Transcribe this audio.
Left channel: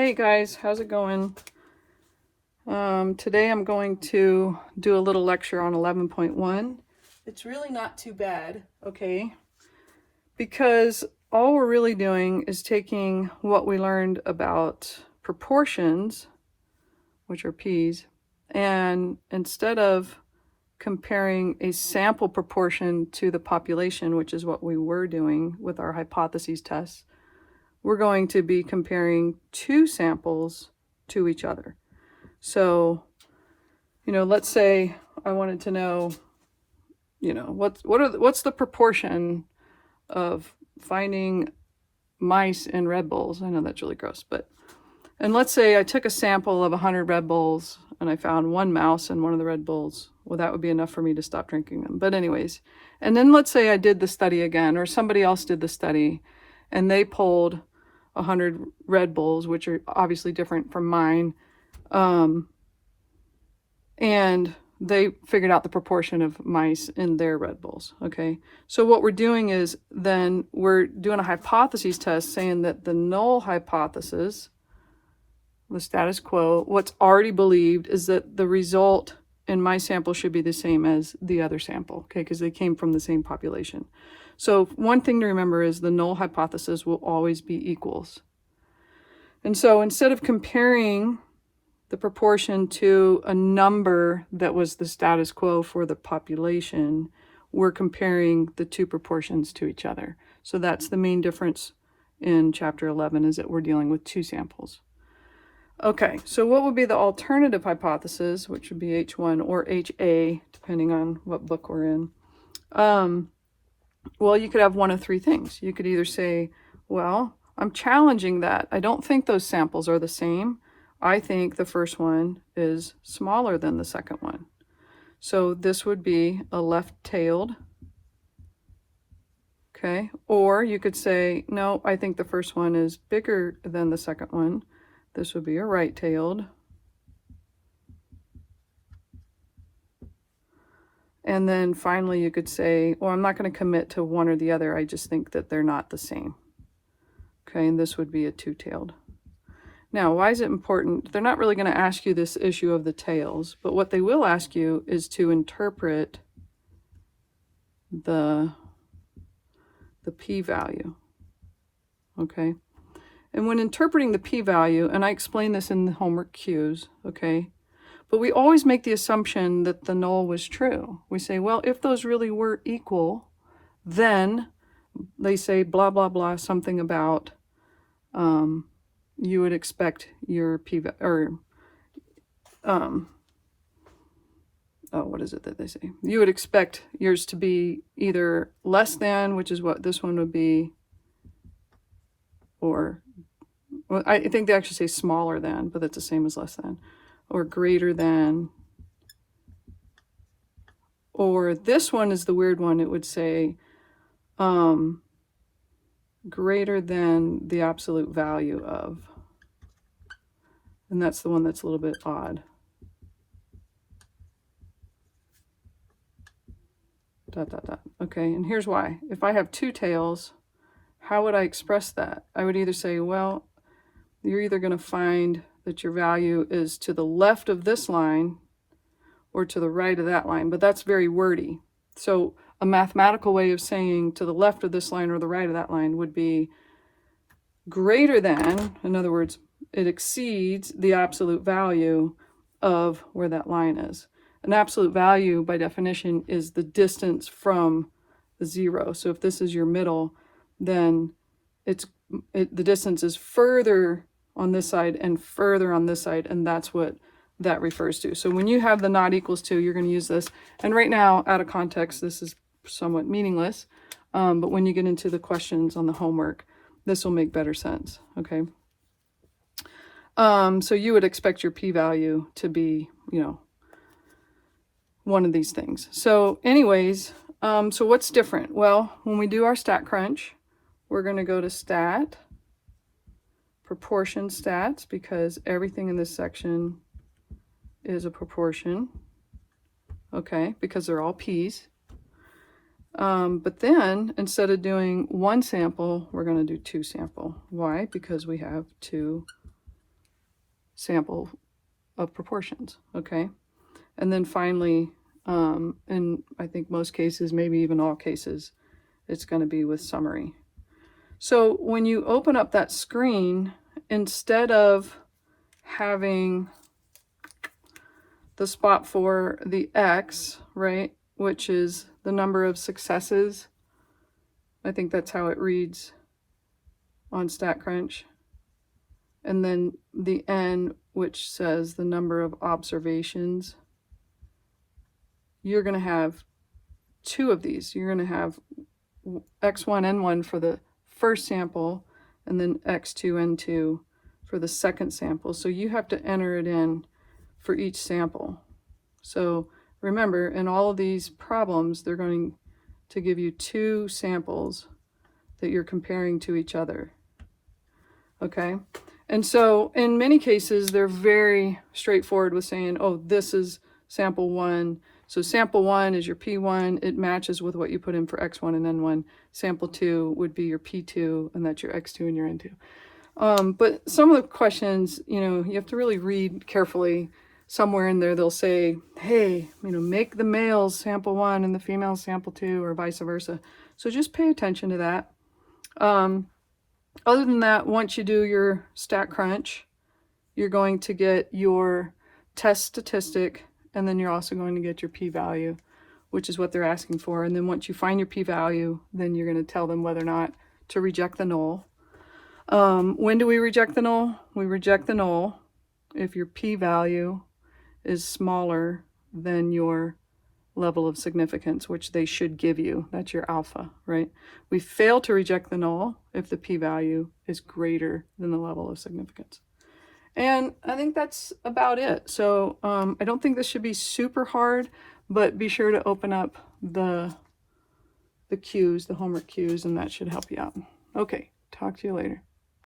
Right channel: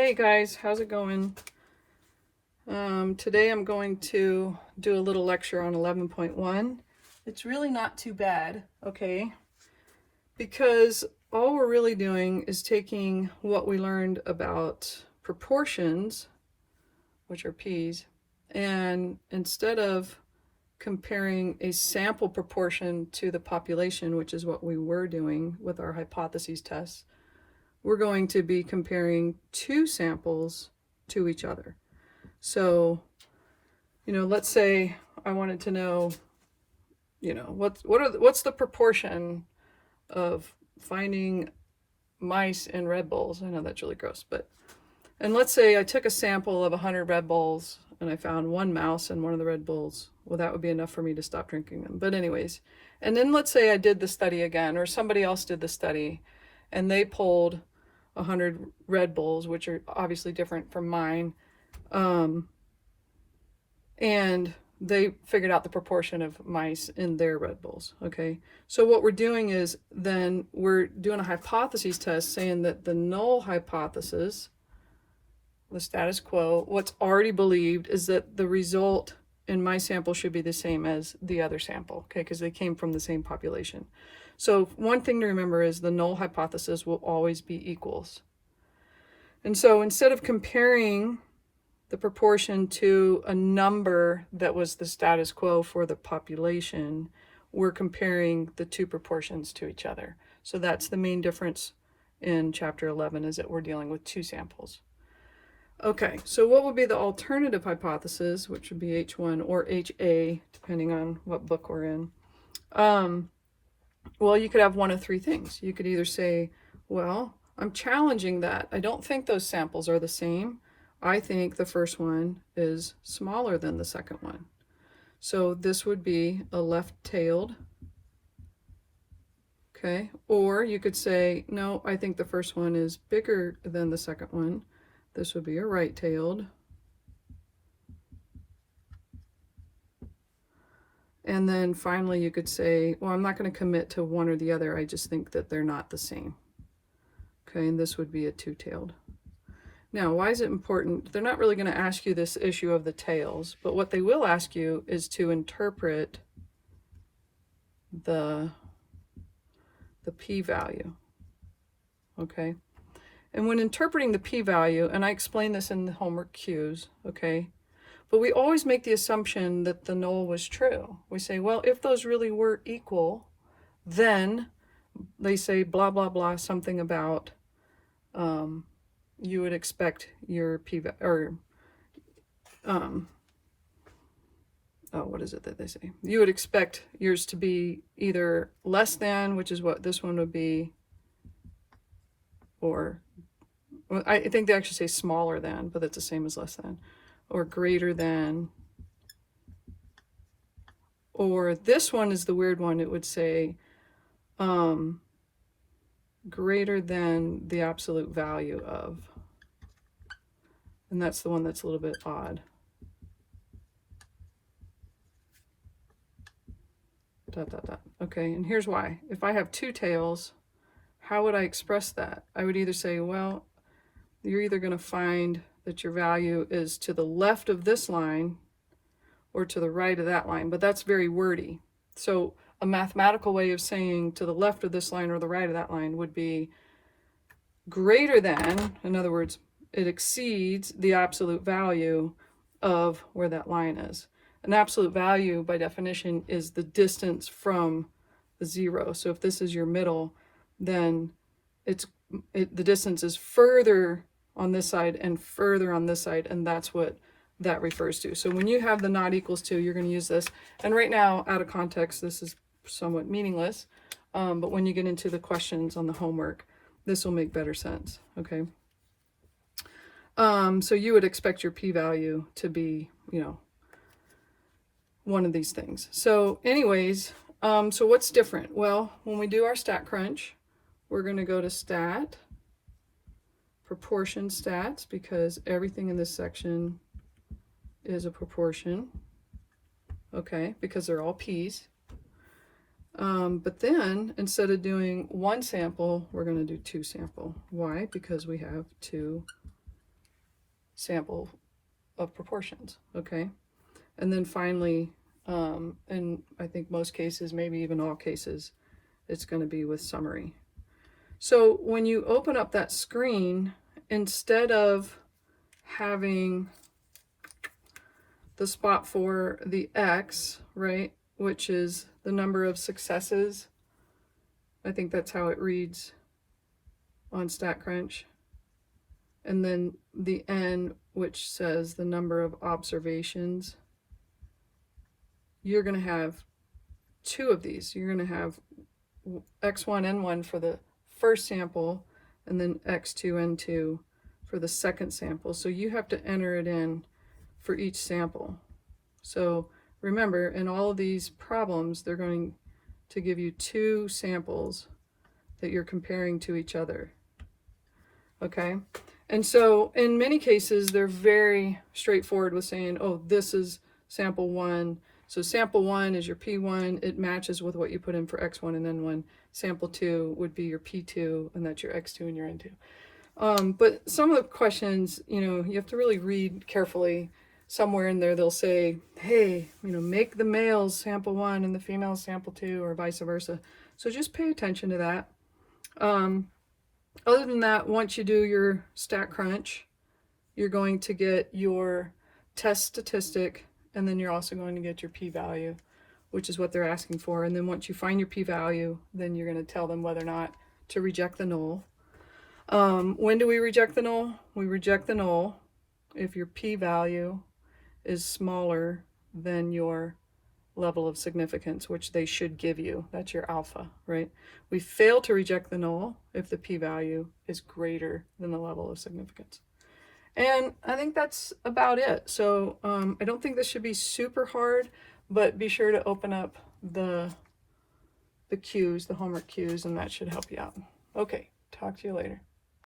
Hey guys, how's it going? Today I'm going to do a little lecture on 11.1. It's really not too bad, okay? Because all we're really doing is taking what we learned about proportions, which are p's, and instead of comparing a sample proportion to the population, which is what we were doing with our hypotheses tests, we're going to be comparing two samples to each other. So, let's say I wanted to know, what's the proportion of finding mice in Red Bulls? I know that's really gross, and let's say I took a sample of 100 Red Bulls and I found one mouse in one of the Red Bulls. Well, that would be enough for me to stop drinking them. But anyways, and then let's say I did the study again, or somebody else did the study, and they pulled 100 Red Bulls, which are obviously different from mine, and they figured out the proportion of mice in their Red Bulls, okay? So what we're doing is then we're doing a hypotheses test saying that the null hypothesis, the status quo, what's already believed is that the result in my sample should be the same as the other sample, okay? Because they came from the same population. So one thing to remember is the null hypothesis will always be equals. And so instead of comparing the proportion to a number that was the status quo for the population, we're comparing the two proportions to each other. So that's the main difference in chapter 11, is that we're dealing with two samples. Okay, so what would be the alternative hypothesis, which would be H1 or HA, depending on what book we're in? Well, you could have one of three things. You could either say, well, I'm challenging that. I don't think those samples are the same. I think the first one is smaller than the second one. So this would be a left-tailed, okay? Or you could say, no, I think the first one is bigger than the second one. This would be a right-tailed. And then finally you could say, well, I'm not going to commit to one or the other. I just think that they're not the same. Okay, and this would be a two-tailed. Now, why is it important? They're not really going to ask you this issue of the tails, but what they will ask you is to interpret the p-value, okay? And when interpreting the p-value, and I explain this in the homework cues, okay, but we always make the assumption that the null was true. We say, well, if those really were equal, then they say blah, blah, blah, something about you would expect your p-value, or what is it that they say? You would expect yours to be either less than, which is what this one would be, or, well, I think they actually say smaller than, but that's the same as less than, or greater than, or this one is the weird one. It would say greater than the absolute value of, and that's the one that's a little bit odd. Dot, dot, dot. Okay, and here's why. If I have two tails, how would I express that? I would either say, well, you're either going to find that your value is to the left of this line or to the right of that line, but that's very wordy. So a mathematical way of saying to the left of this line or the right of that line would be greater than, in other words, it exceeds the absolute value of where that line is. An absolute value, by definition, is the distance from the zero. So if this is your middle, then the distance is further on this side and further on this side, and that's what that refers to. So when you have the not equals to, you're going to use this. And right now, out of context, this is somewhat meaningless, but when you get into the questions on the homework, this will make better sense, okay? So you would expect your p-value to be, one of these things. So anyways, so what's different? Well, when we do our stat crunch, we're going to go to stat, proportion stats, because everything in this section is a proportion, okay, because they're all p's. But then instead of doing one sample, we're going to do two sample. Why? Because we have two sample of proportions, okay? And then finally, in I think most cases, maybe even all cases, it's going to be with summary. So when you open up that screen, instead of having the spot for the X, right, which is the number of successes, I think that's how it reads on StatCrunch, and then the N, which says the number of observations, you're going to have two of these. You're going to have X1, N1 for the first sample, and then X2, N2 for the second sample. So you have to enter it in for each sample. So remember, in all of these problems, they're going to give you two samples that you're comparing to each other. Okay? And so in many cases, they're very straightforward with saying, oh, this is sample 1. So sample 1 is your P1. It matches with what you put in for X1 and N1. Sample 2 would be your P2, and that's your X2 and your N2. But some of the questions, you have to really read carefully. Somewhere in there, they'll say, hey, make the males sample 1 and the females sample 2, or vice versa. So just pay attention to that. Other than that, once you do your StatCrunch, you're going to get your test statistic, and then you're also going to get your p-value, which is what they're asking for. And then once you find your p-value, then you're going to tell them whether or not to reject the null. When do we reject the null? We reject the null if your p-value is smaller than your level of significance, which they should give you. That's your alpha, right? We fail to reject the null if the p-value is greater than the level of significance. And I think that's about it. So I don't think this should be super hard, but be sure to open up the cues, the homework cues, and that should help you out. Okay, talk to you later.